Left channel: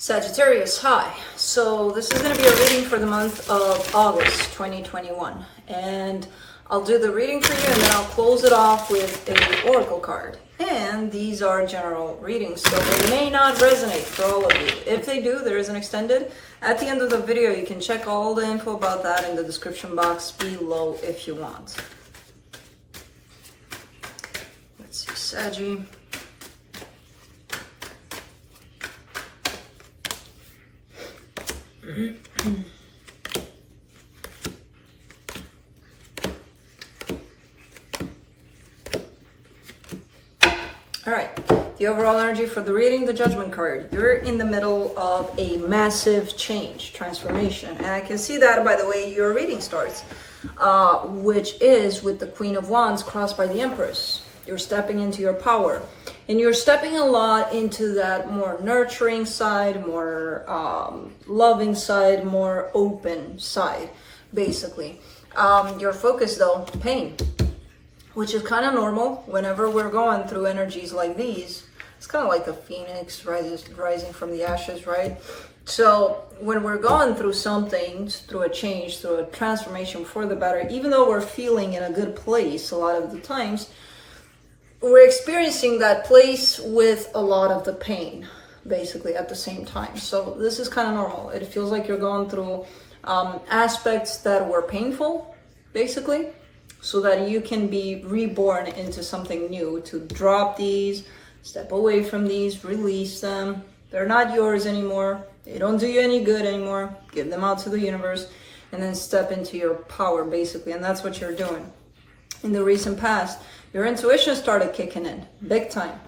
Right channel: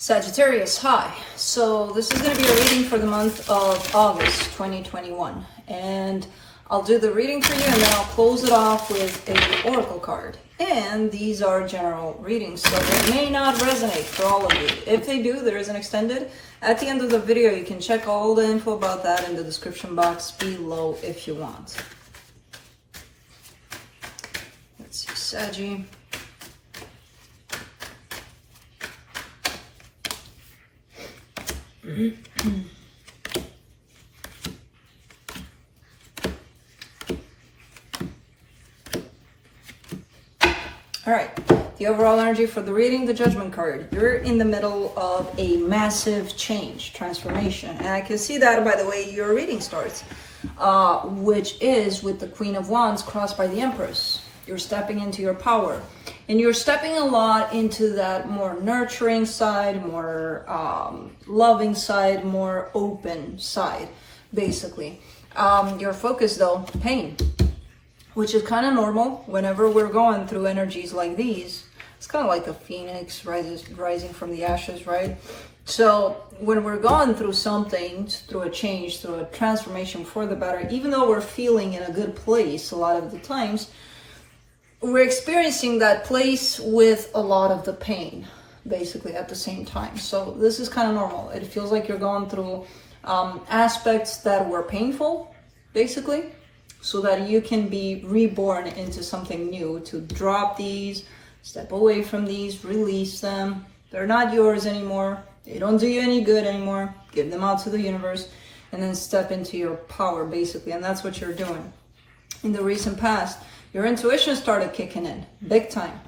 Sagittarius, hi. So this is going to be a reading for the month of August 2021. And I'll do the reading for you and then I'll close it off with an oracle card. And these are general readings, so they may not resonate for all of you. If they do, there is an extended. At the end of the video, you can check all the info about that in the description box below if you want. Let's see, Saggy. All right, the overall energy for the reading, the Judgment card. You're in the middle of a massive change, transformation. And I can see that by the way your reading starts, which is with the Queen of Wands crossed by the Empress. You're stepping into your power. And you're stepping a lot into that more nurturing side, more loving side, more open side, basically. Your focus though, pain, which is kind of normal whenever we're going through energies like these. It's kind of like the phoenix rising from the ashes, right? So when we're going through something, through a change, through a transformation for the better, even though we're feeling in a good place a lot of the times, we're experiencing that place with a lot of the pain, basically, at the same time. So this is kind of normal. It feels like you're going through aspects that were painful, basically, so that you can be reborn into something new, to drop these, step away from these, release them. They're not yours anymore. They don't do you any good anymore. Give them out to the universe and then step into your power, basically. And that's what you're doing. In the recent past, your intuition started kicking in big time.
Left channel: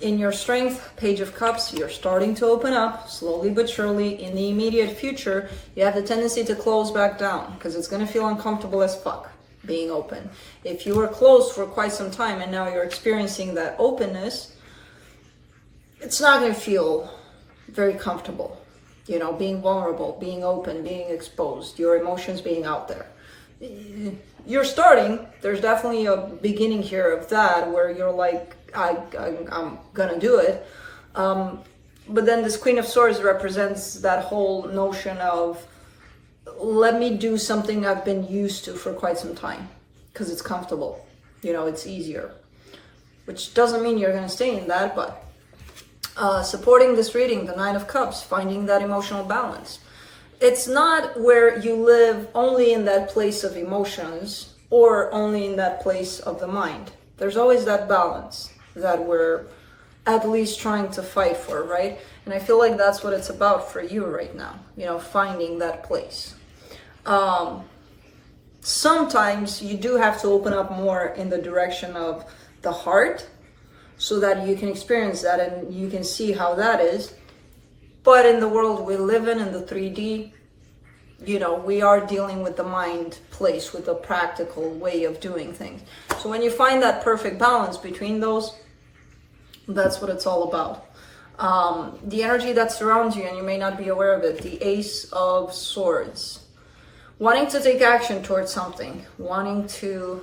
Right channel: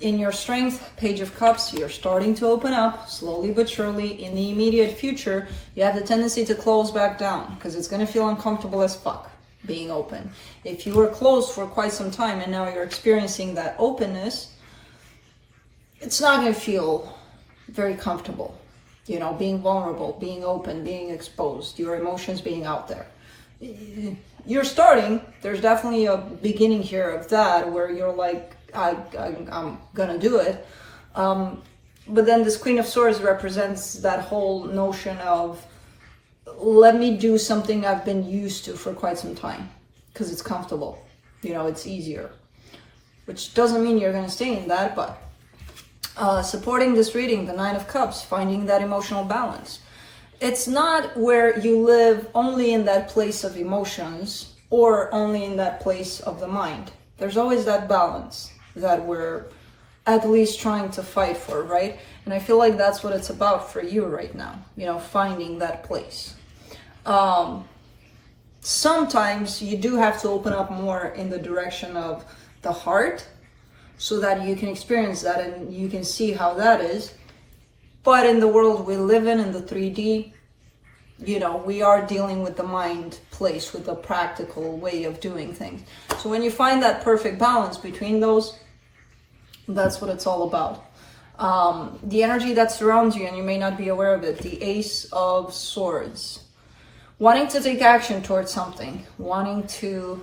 In your strength, Page of Cups, you're starting to open up slowly but surely. In the immediate future, you have the tendency to close back down because it's going to feel uncomfortable as fuck being open. If you were closed for quite some time and now you're experiencing that openness, it's not going to feel very comfortable. You know, being vulnerable, being open, being exposed, your emotions being out there. You're starting, there's definitely a beginning here of that where you're like, I'm gonna do it. But then this Queen of Swords represents that whole notion of, let me do something I've been used to for quite some time because it's comfortable, you know, it's easier, which doesn't mean you're gonna stay in that, but supporting this reading, the Nine of Cups, finding that emotional balance. It's not where you live only in that place of emotions or only in that place of the mind. There's always that balance that we're at least trying to fight for, right? And I feel like that's what it's about for you right now, you know, finding that place. Sometimes you do have to open up more in the direction of the heart so that you can experience that and you can see how that is. But in the world we live in the 3D, you know, we are dealing with the mind place, with a practical way of doing things. So when you find that perfect balance between those, that's what it's all about. The energy that surrounds you, and you may not be aware of it, the Ace of Swords. Wanting to take action towards something, wanting to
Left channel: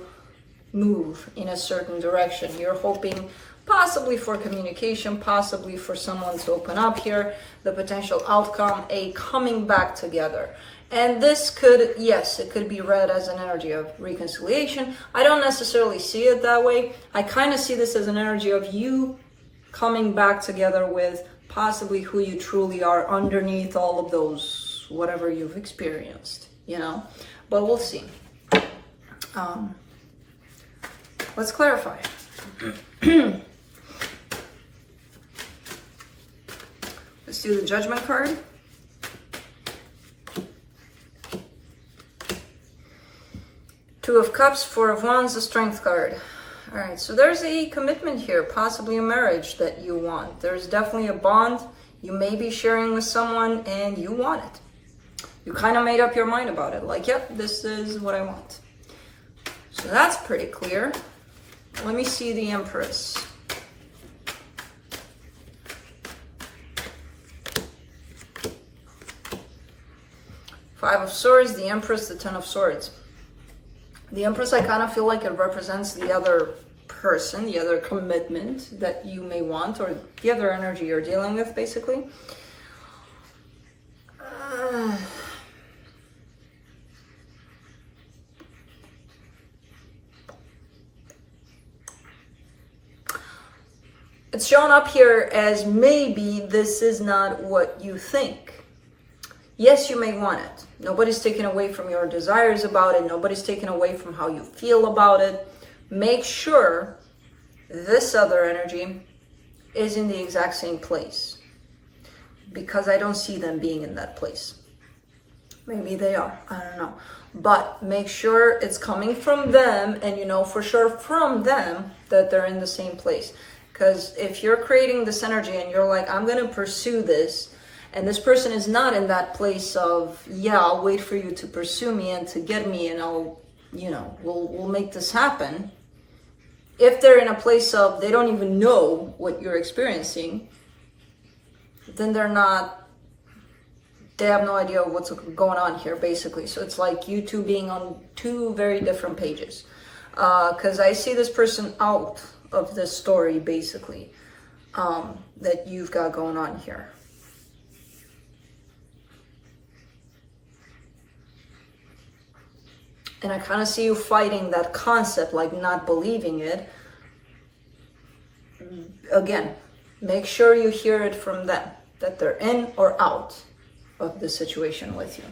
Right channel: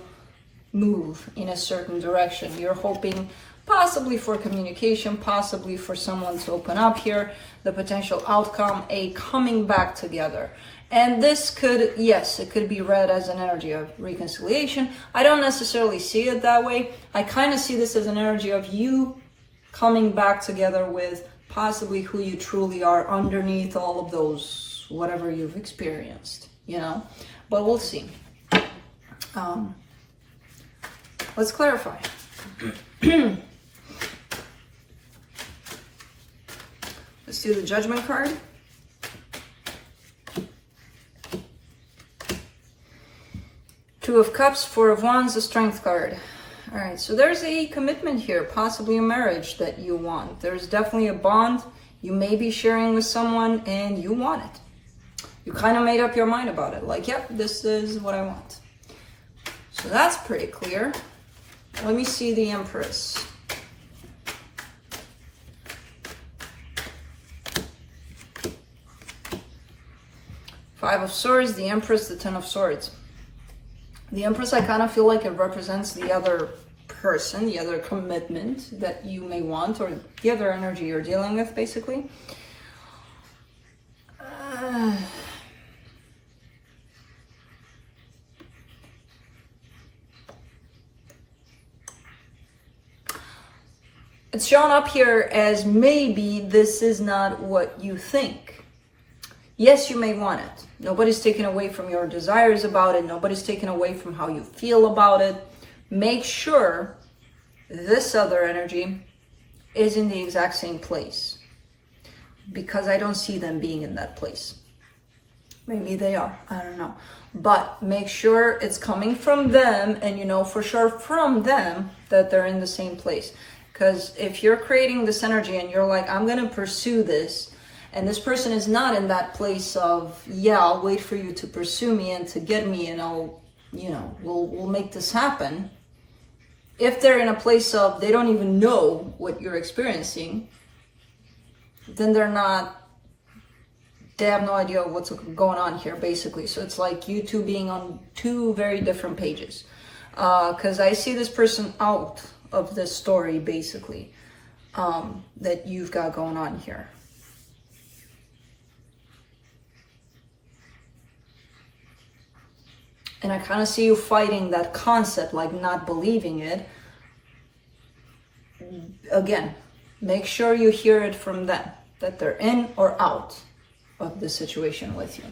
move in a certain direction. You're hoping possibly for communication, possibly for someone to open up here, the potential outcome, a coming back together. And this could, yes, it could be read as an energy of reconciliation. I don't necessarily see it that way. I kind of see this as an energy of you coming back together with possibly who you truly are underneath all of those, whatever you've experienced, you know, but we'll see. Let's clarify. Let's do the Judgment card. Two of Cups, Four of Wands, the Strength card. All right, so there's a commitment here, possibly a marriage that you want. There's definitely a bond you may be sharing with someone and you want it. You kind of made up your mind about it, like, yep, this is what I want. So that's pretty clear. Let me see the Empress. Five of Swords, the Empress, the Ten of Swords. The Empress, I kind of feel like it represents the other person, the other commitment that you may want, or the other energy you're dealing with, basically. It's shown up here as maybe this is not what you think. Yes, you may want it. Nobody's taken away from your desires about it. Nobody's taken away from how you feel about it. Make sure this other energy is in the exact same place, because I don't see them being in that place. Maybe they are, I don't know. But make sure it's coming from them, and you know for sure from them that they're in the same place. Because if you're creating this energy and you're like, I'm going to pursue this, and this person is not in that place of, yeah, I'll wait for you to pursue me and to get me, and I'll, you know, we'll make this happen. If they're in a place of, they don't even know what you're experiencing, then they have no idea what's going on here, basically. So it's like you two being on two very different pages. Because I see this person out of this story, basically, that you've got going on here. And I kind of see you fighting that concept, like not believing it. Again, make sure you hear it from them, that they're in or out of the situation with you.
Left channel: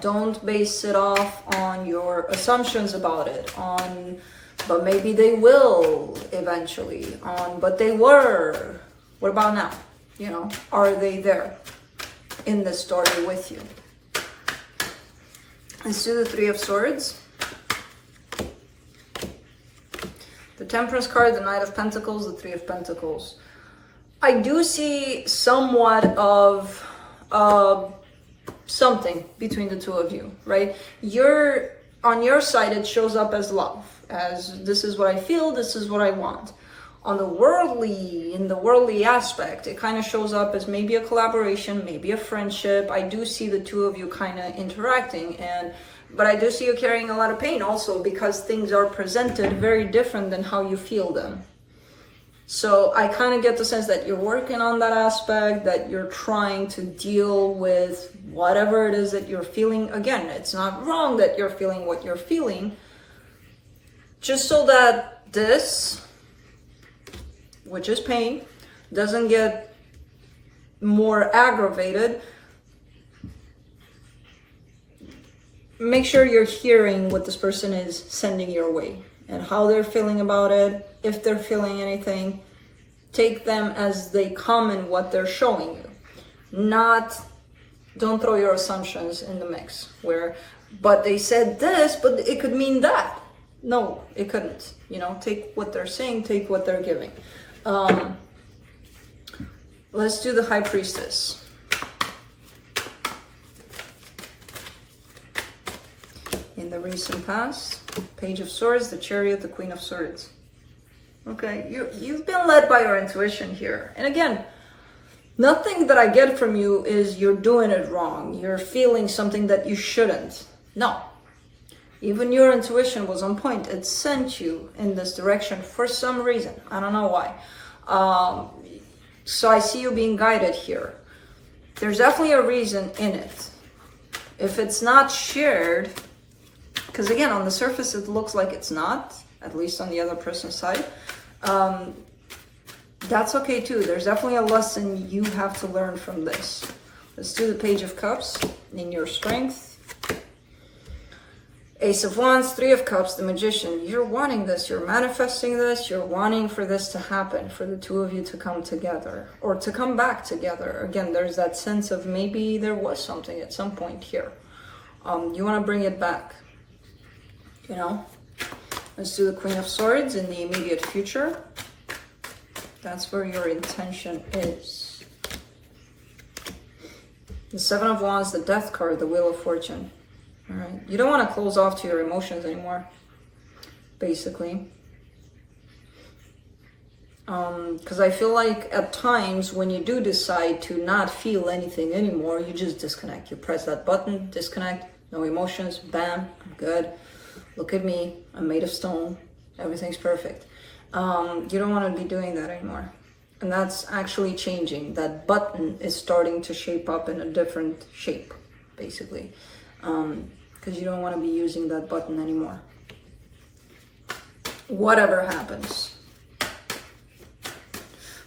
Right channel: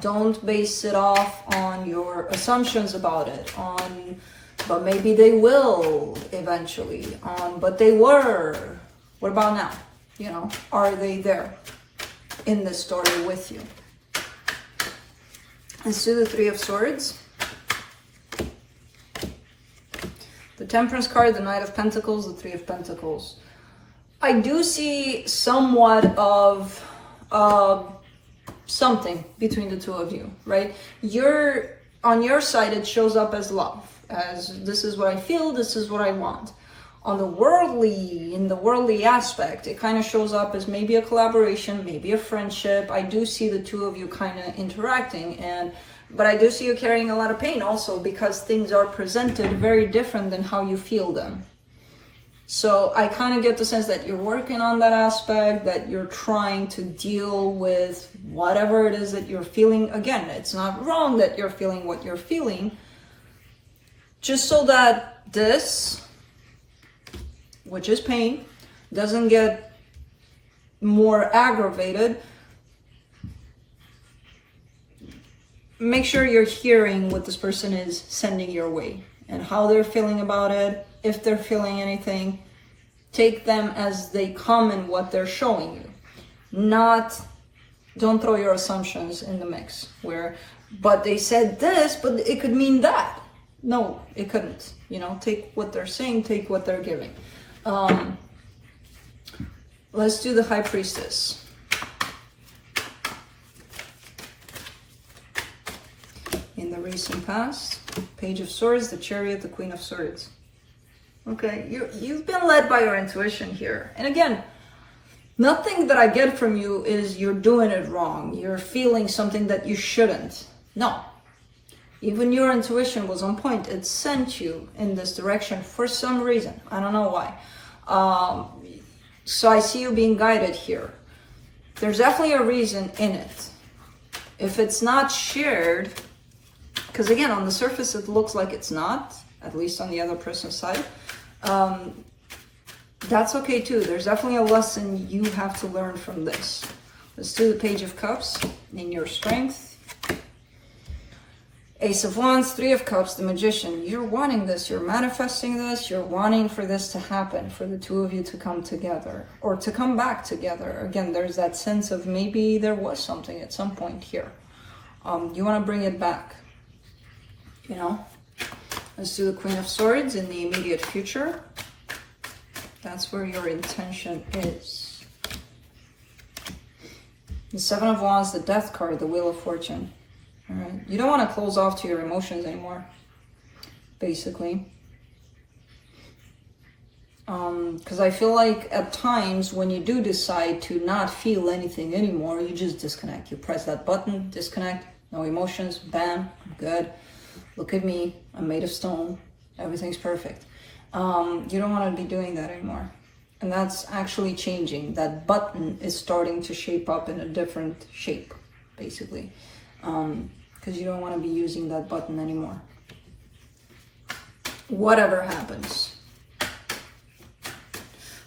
Don't base it off on your assumptions about it, on but maybe they will eventually, but they were. What about now? You know, are they there in this story with you? Let's do the Three of Swords. The Temperance card, the Knight of Pentacles, the Three of Pentacles. I do see somewhat of something between the two of you, right? On your side, it shows up as love. As this is what I feel, this is what I want. In the worldly aspect, it kind of shows up as maybe a collaboration, maybe a friendship. I do see the two of you kind of interacting, but I do see you carrying a lot of pain also, because things are presented very different than how you feel them. So I kind of get the sense that you're working on that aspect, that you're trying to deal with whatever it is that you're feeling. Again, it's not wrong that you're feeling what you're feeling, just so that this, which is pain, doesn't get more aggravated. Make sure you're hearing what this person is sending your way and how they're feeling about it. If they're feeling anything, take them as they come and what they're showing you. Don't throw your assumptions in the mix but they said this, but it could mean that. No, it couldn't. You know, take what they're saying, take what they're giving. Let's do the High Priestess. In the recent past, Page of Swords, the Chariot, the Queen of Swords. Okay, you've been led by your intuition here. And again, nothing that I get from you is you're doing it wrong. You're feeling something that you shouldn't. No. Even your intuition was on point. It sent you in this direction for some reason. I don't know why. So I see you being guided here. There's definitely a reason in it. If it's not shared, because again, on the surface, it looks like it's not, at least on the other person's side. That's okay too. There's definitely a lesson you have to learn from this. Let's do the Page of Cups in your strength. Ace of Wands, Three of Cups, the Magician. You're wanting this, you're manifesting this, you're wanting for this to happen, for the two of you to come together or to come back together. Again, there's that sense of maybe there was something at some point here. You want to bring it back, you know? Let's do the Queen of Swords in the immediate future. That's where your intention is. The Seven of Wands, the Death card, the Wheel of Fortune. All right, you don't want to close off to your emotions anymore, basically. Because I feel like at times when you do decide to not feel anything anymore, you just disconnect. You press that button, disconnect, no emotions, bam, I'm good. Look at me, I'm made of stone, everything's perfect. You don't want to be doing that anymore. And that's actually changing. That button is starting to shape up in a different shape, basically. Because you don't want to be using that button anymore. Whatever happens.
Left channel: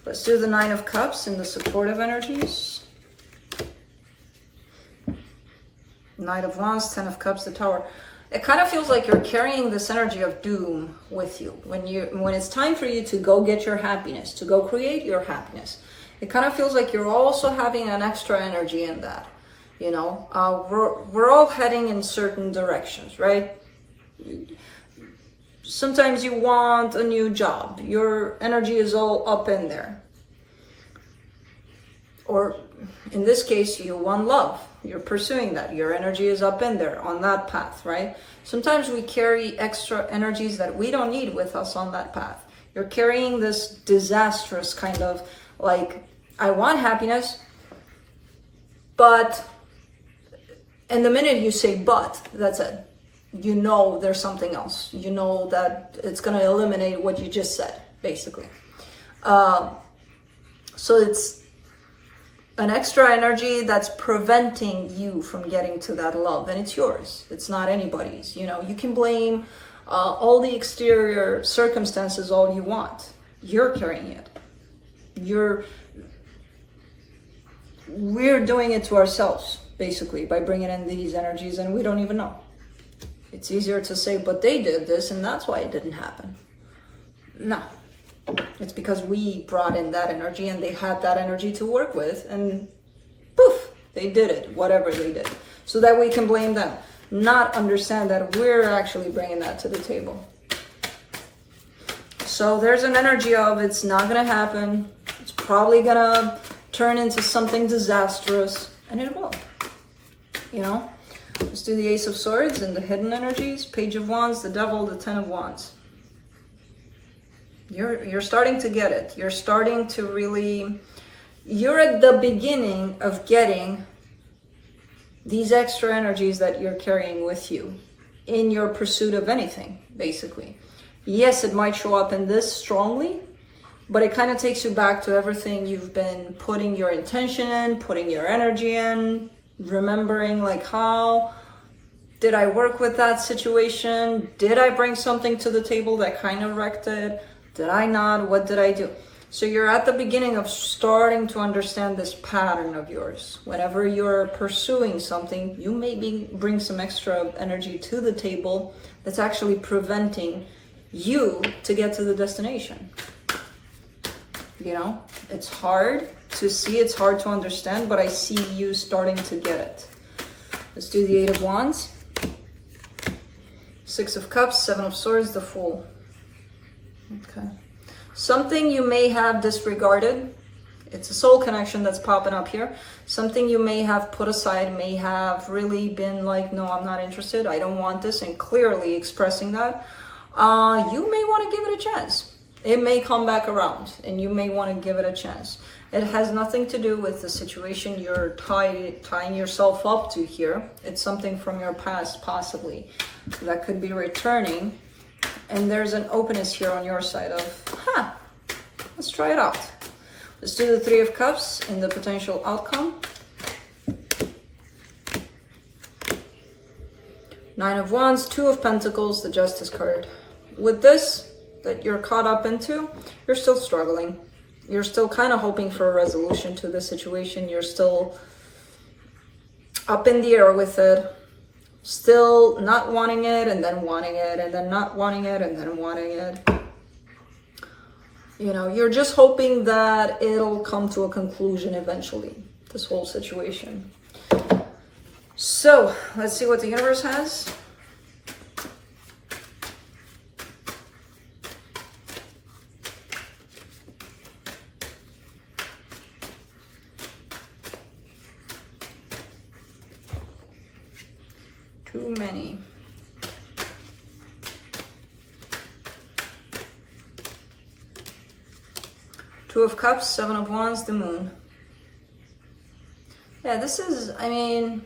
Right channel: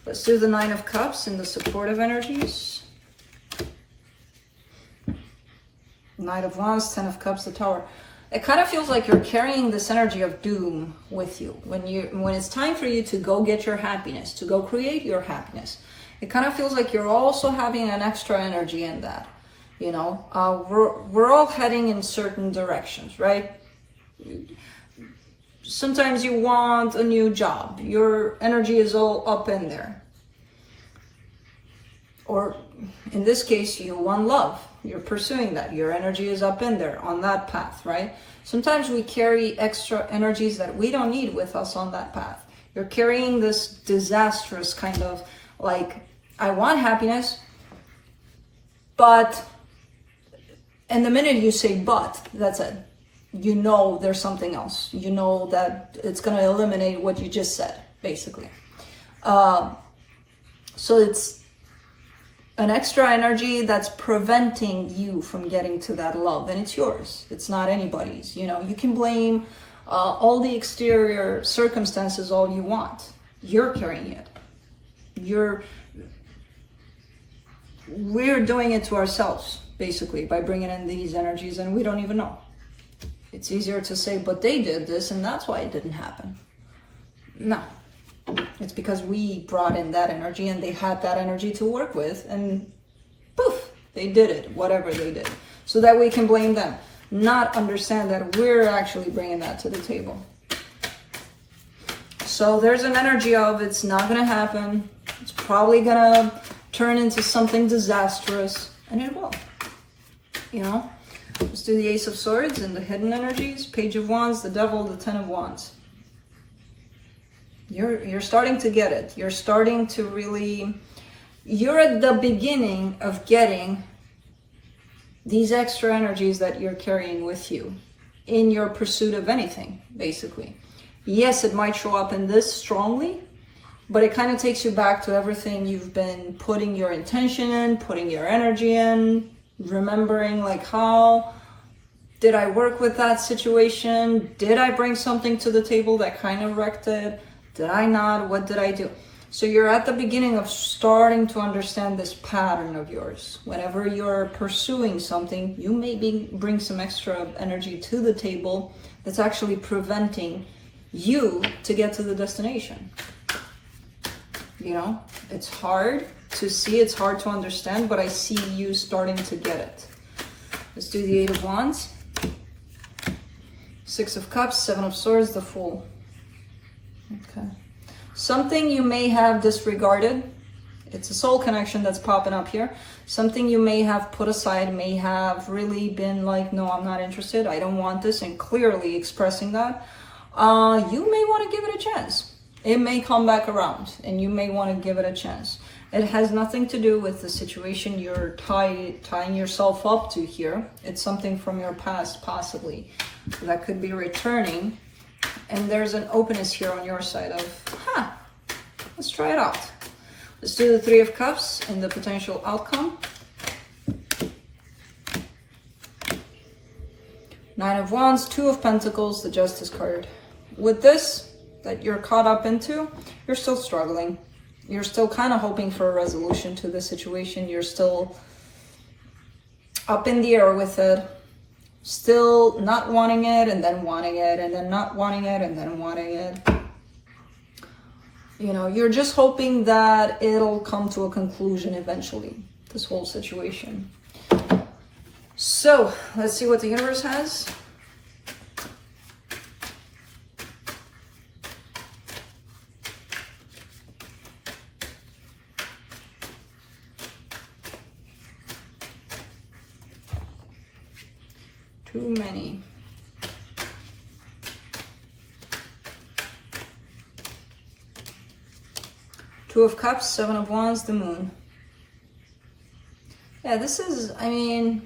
Let's do the Nine of Cups in the supportive energies. Knight of Wands, Ten of Cups, the Tower. It kind of feels like you're carrying this energy of doom with you. When it's time for you to go get your happiness, to go create your happiness, it kind of feels like you're also having an extra energy in that. You know, we're all heading in certain directions, right? Sometimes you want a new job. Your energy is all up in there. Or in this case, you want love. You're pursuing that. Your energy is up in there on that path, right? Sometimes we carry extra energies that we don't need with us on that path. You're carrying this disastrous kind of like, I want happiness, but, and the minute you say but, that's it. You know there's something else. You know that it's going to eliminate what you just said, basically. So it's an extra energy that's preventing you from getting to that love, and it's yours. It's not anybody's. You know, you can blame all the exterior circumstances all you want. You're carrying it. We're doing it to ourselves, basically, by bringing in these energies, and we don't even know. It's easier to say, but they did this, and that's why it didn't happen. No. It's because we brought in that energy and they had that energy to work with, and poof, they did it, whatever they did. So that we can blame them, not understand that we're actually bringing that to the table. So there's an energy of it's not going to happen. It's probably going to turn into something disastrous, and it will. You know? Let's do the Ace of Swords and the hidden energies, Page of Wands, the Devil, the Ten of Wands. You're starting to get it. You're starting to really, you're at the beginning of getting these extra energies that you're carrying with you in your pursuit of anything, basically. Yes, it might show up in this strongly, but it kind of takes you back to everything you've been putting your intention in, putting your energy in, remembering like how did I work with that situation? Did I bring something to the table that kind of wrecked it? Did I not? What did I do? So you're at the beginning of starting to understand this pattern of yours. Whenever you're pursuing something, you may bring some extra energy to the table that's actually preventing you to get to the destination. You know, it's hard to see, it's hard to understand, but I see you starting to get it. Let's do the Eight of Wands, Six of Cups, Seven of Swords, the Fool. Okay. Something you may have disregarded. It's a soul connection that's popping up here. Something you may have put aside, may have really been like, no, I'm not interested. I don't want this. And clearly expressing that. You may want to give it a chance. It may come back around and you may want to give it a chance. It has nothing to do with the situation you're tying yourself up to here. It's something from your past, possibly, that could be returning. And there's an openness here on your side of, let's try it out. Let's do the Three of Cups and the potential outcome. Nine of Wands, Two of Pentacles, the Justice card. With this that you're caught up into, you're still struggling. You're still kind of hoping for a resolution to the situation. You're still up in the air with it. Still not wanting it, and then wanting it, and then not wanting it, and then wanting it. You know, you're just hoping that it'll come to a conclusion eventually, this whole situation. So, let's see what the universe has. Too many. Two of Cups, Seven of Wands, the Moon. Yeah, this is, I mean,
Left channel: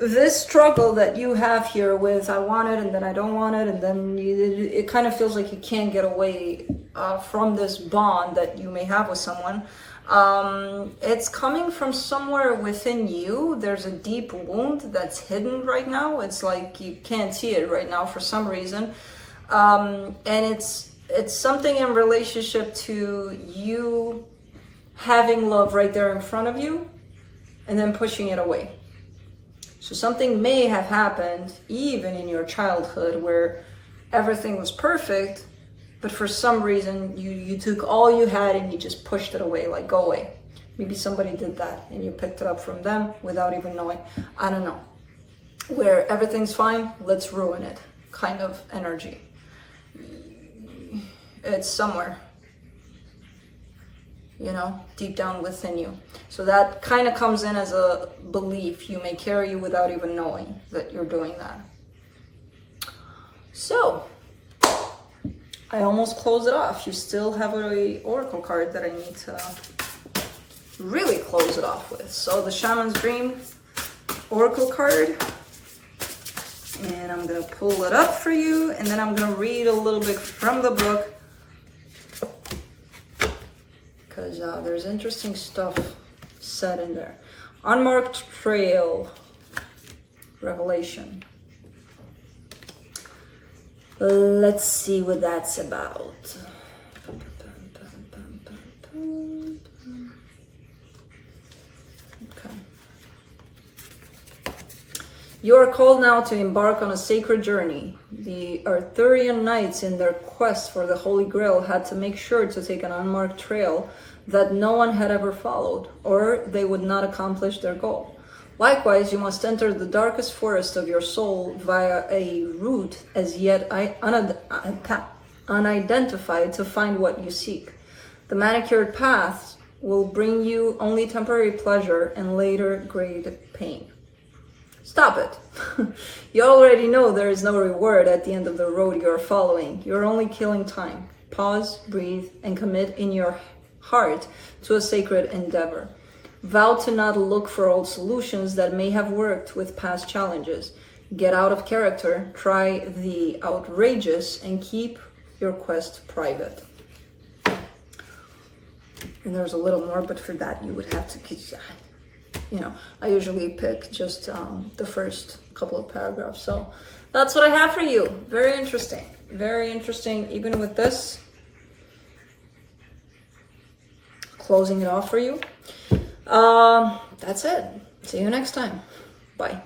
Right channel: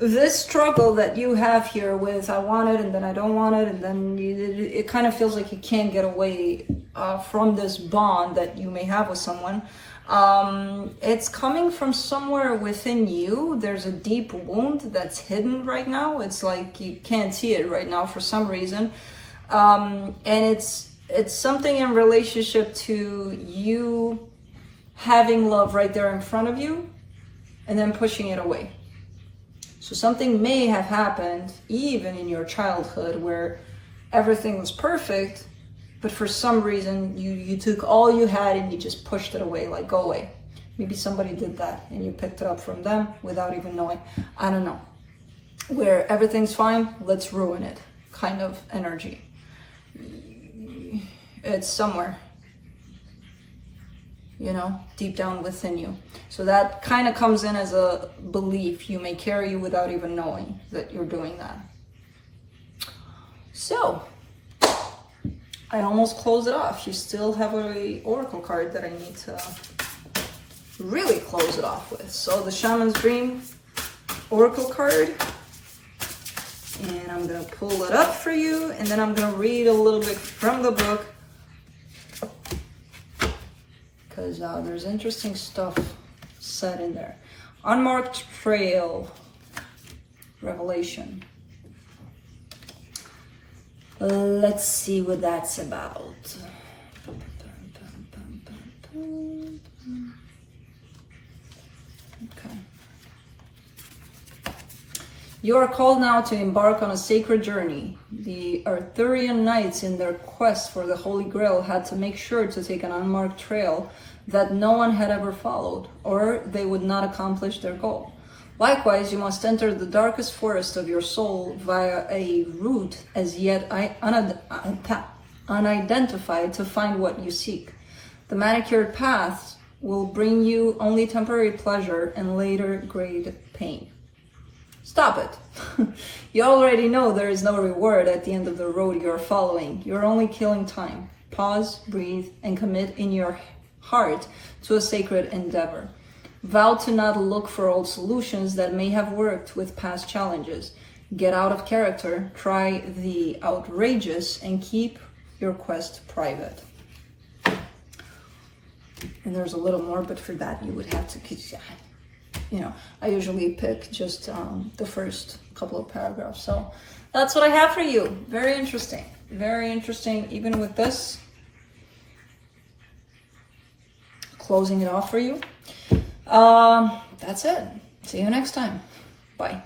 this struggle that you have here with I want it and then I don't want it, and then it kind of feels like you can't get away from this bond that you may have with someone. It's coming from somewhere within you. There's a deep wound that's hidden right now. It's like you can't see it right now for some reason. And it's something in relationship to you having love right there in front of you and then pushing it away. So something may have happened even in your childhood where everything was perfect, but for some reason you took all you had and you just pushed it away, like go away. Maybe somebody did that and you picked it up from them without even knowing. I don't know. Where everything's fine, let's ruin it kind of energy. It's somewhere, you know, deep down within you. So that kind of comes in as a belief you may carry without even knowing that you're doing that. So I almost close it off. You still have a oracle card that I need to really close it off with. So the Shaman's Dream oracle card, and I'm gonna pull it up for you, and then I'm gonna read a little bit from the book, because there's interesting stuff said in there. Unmarked Trail, Revelation. Let's see what that's about. Okay. You are called now to embark on a sacred journey. The Arthurian knights in their quest for the Holy Grail had to make sure to take an unmarked trail that no one had ever followed, or they would not accomplish their goal. Likewise, you must enter the darkest forest of your soul via a route as yet unidentified to find what you seek. The manicured paths will bring you only temporary pleasure and later great pain. Stop it. You already know there is no reward at the end of the road you are following. You're only killing time. Pause, breathe, and commit in your heart to a sacred endeavor. Vow to not look for old solutions that may have worked with past challenges. Get out of character, try the outrageous, and keep your quest private. And there's a little more, but for that you would have to, you know, I usually pick just the first couple of paragraphs. So that's what I have for you. Very interesting. Very interesting, even with this. Closing it off for you. That's it. See you next time. Bye.